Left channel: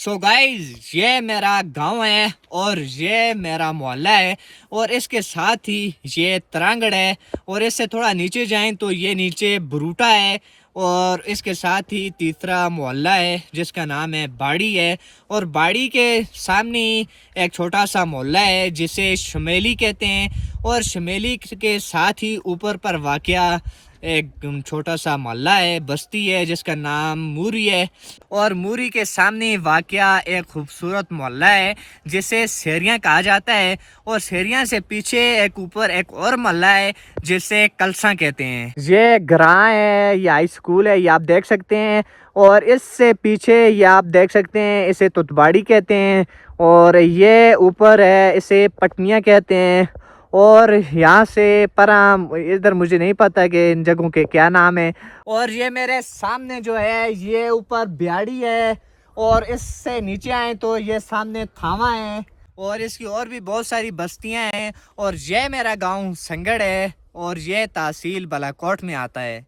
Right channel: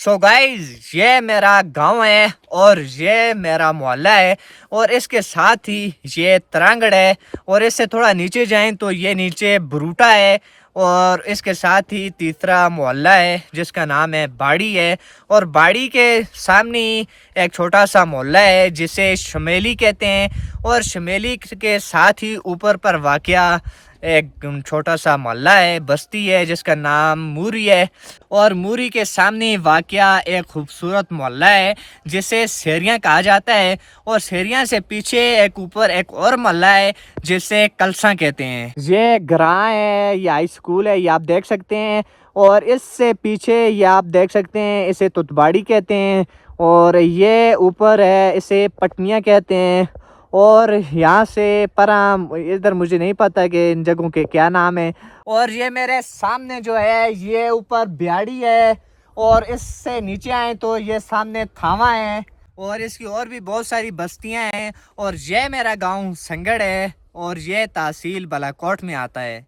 So guys ये मेरा गांव है और ये मेरा मोहल्ला है और इसके साथ ही ये तरांगड़ है और इससे थोड़ा नीचे जाएं तो ये नीचे बरूटा है और इसके साथ ही तीसरा मोहल्ला है जिसका नाम है बाड़ी है और बाड़ी के सामने ही एक छोटा सा मोहल्ला है जिसे शमेली कहते हैं और शमेली के साथ ही ऊपर पर वाक़या एक छोटा सा मोहल्ला है, बस्ती है जिसका नाम मूरी है और मूरी के सामने वाक़या एक खूबसूरत मोहल्ला है जिसे शेरियाँ कहा जाता है और शेरियाँ से पीछे एक ऊपर एक और मोहल्ला है जिसे कलसा कहते हैं। ये ग्रां है, ये हाई स्कूल है, ये आप देख सकते हैं और इससे पीछे ये आप देख सकते हैं इसे तुतबाड़ी कहते हैं और ये ऊपर है इसे पटनियाँ कहते हैं और यहाँ से पर इधर मुझे नहीं पता कि इन जगहों के क्या नाम है। और ये मेरे सामने जो है ये ऊपर बिहाड़ी है और इससे नीचे आए तो ये सामने थावा है और इसकी और भी बहुत सारी बस्तियां हैं और ये मेरा गांव संगड़ है और ये तहसील बालाकोट में आता है।